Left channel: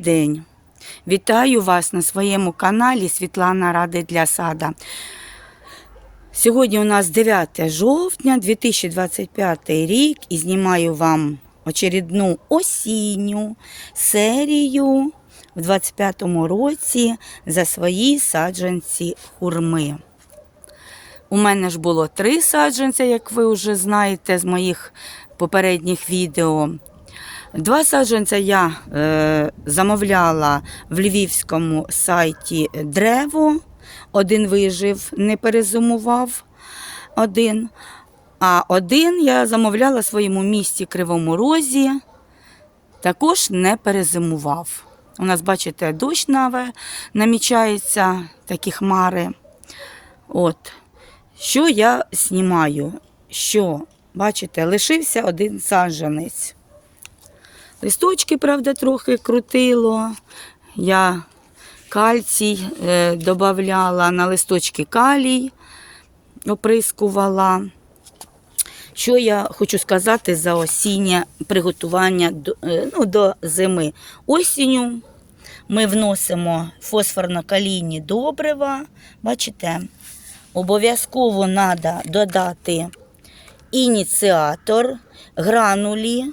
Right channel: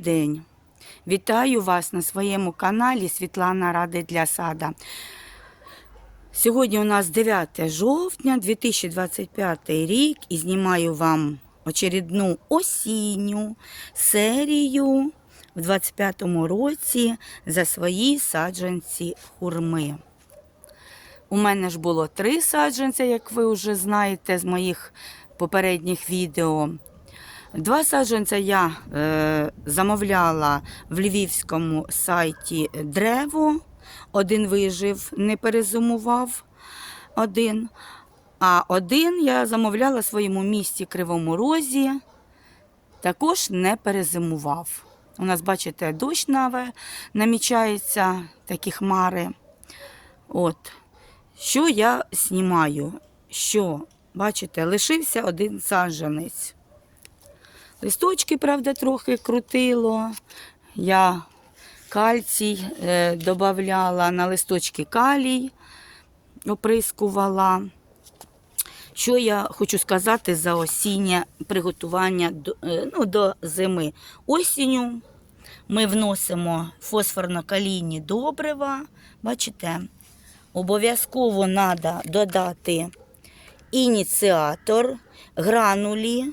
день. Вітаю вас на своєму каналі Світлана Ради для сада. Сьогодні у нас 9 жовтня 2025 рік і знімаю вам очередну осінню серію в 2025 році за свої саджанці хурми. У мене ж було три саджанця, як ви вже знаєте з моїх попередніх відео. Два саджанця я е, замовляла в львівському сайті Древо. Один вижив, не перезимував один. А один я замовляла в своєму місті Кривому Розі, також не перезимував. У нас, бачите, дощ наве намічається, такі хмари. От. Що я знімаю? Що, бачите, лишився один саджанець. Листочки, правда, трохи крутило. Я кальцій е, додавала на листочки калій, оприскувала. Що я хочу сказати за осіннє приготування до, е, ну, до зими? Осінню ми вносимо фосфорно-калійні добрива. Бачите, обов'язково треба додати ініціатор, гранулі,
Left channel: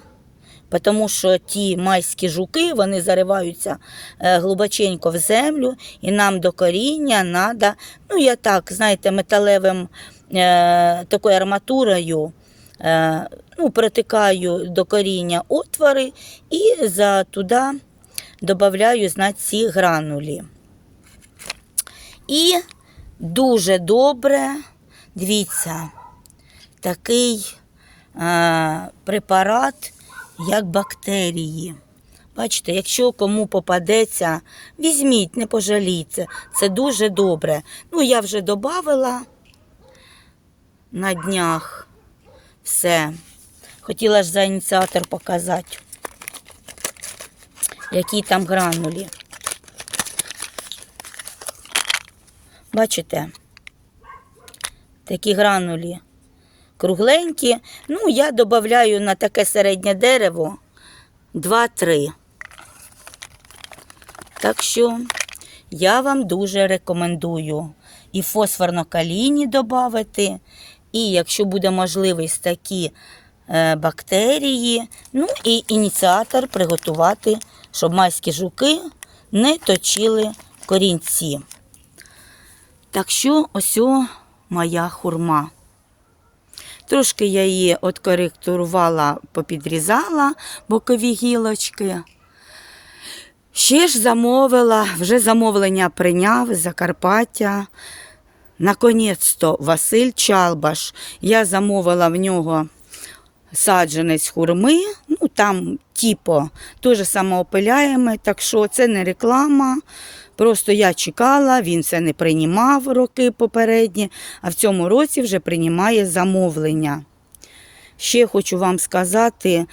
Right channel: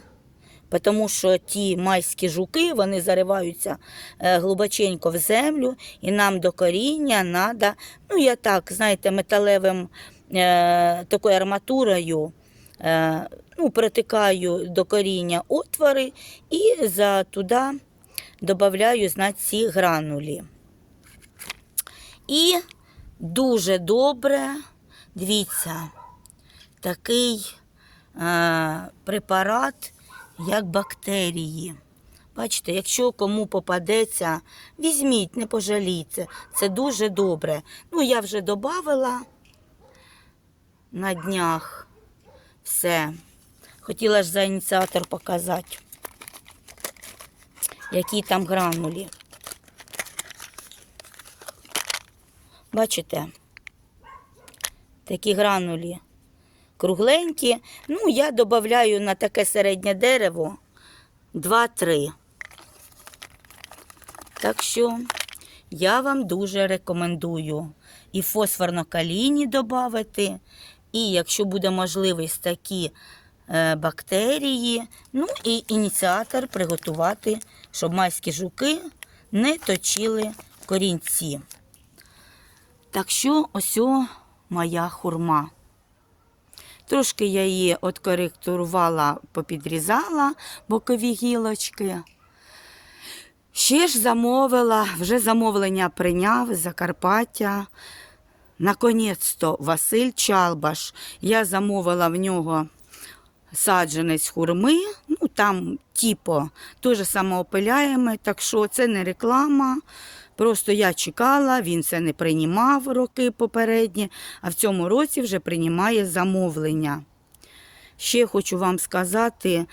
тому що ті майські жуки вони зариваються е, глибоченько в землю, і нам до коріння треба, ну я так, знаєте, металевим е, такою арматурою. Е, ну, протикаю до коріння отвори і за туди додаю знать, ці гранулі. І дуже добре, дивіться, такий е, препарат, як бактерії. Бачите, якщо кому попадеться, візьміть, не пожалійте. Це дуже добре. Ну, я вже додавала на днях все. Хотіла ж за ініціатор показати, які там гранулі. Бачите? Такі гранулі кругленькі. Ну, я додаю на таке середнє дерево 2-3. Так що я вам дуже рекомендую і фосфорно-калійні додати, і якщо буде можливість такі е, бактерії, ну і ініціатор приготувати, щоб майські жуки не точили корінці. Так що ось моя хурма. Трошки я її откоректурувала, попідрізала бокові гілочки. Ще ж замовила, вже замовлення прийняв з Закарпаття. Наконець-то Василь Чалбаш. Я замовила в нього саджанець хурми, ну там типу, теж самоопиляємо, так що це не реклама. Просто я чекала, він це не приймав роки попередні, а в цьому році вже приймає замовлення. Ще хочу вам сказати,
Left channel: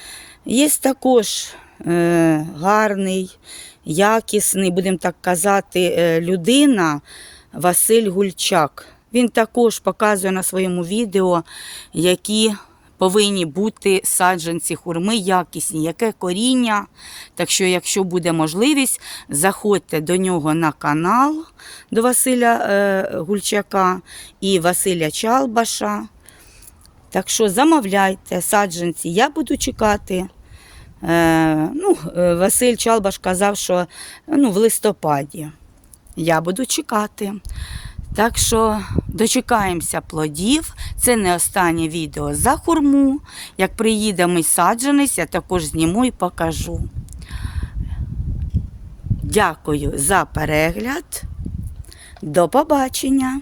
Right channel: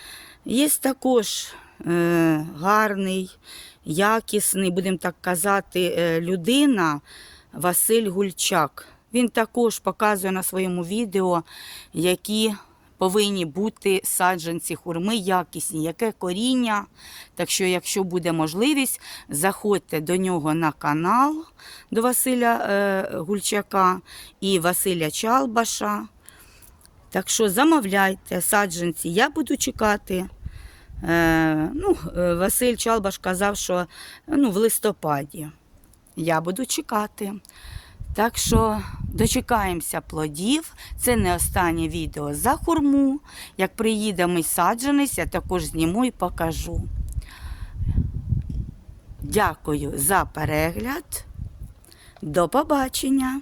є також е, гарний, якісний, будемо так казати, е, людина Василь Гульчак. Він також показує на своєму відео, які повинні бути саджанці хурми якісні, яке коріння. Так що, якщо буде можливість, заходьте до нього на канал до Василя е, Гульчака і Василя Чалбаша. Так що замовляйте саджанці, я буду чекати. Е, ну, е, Василь Чалбаш казав, що ну, в листопаді. Я буду чекати. Так що дочекаємося плодів. Це не останнє відео за хурму. Як приїде мій саджанець, я також зніму і покажу. Дякую за перегляд. До побачення!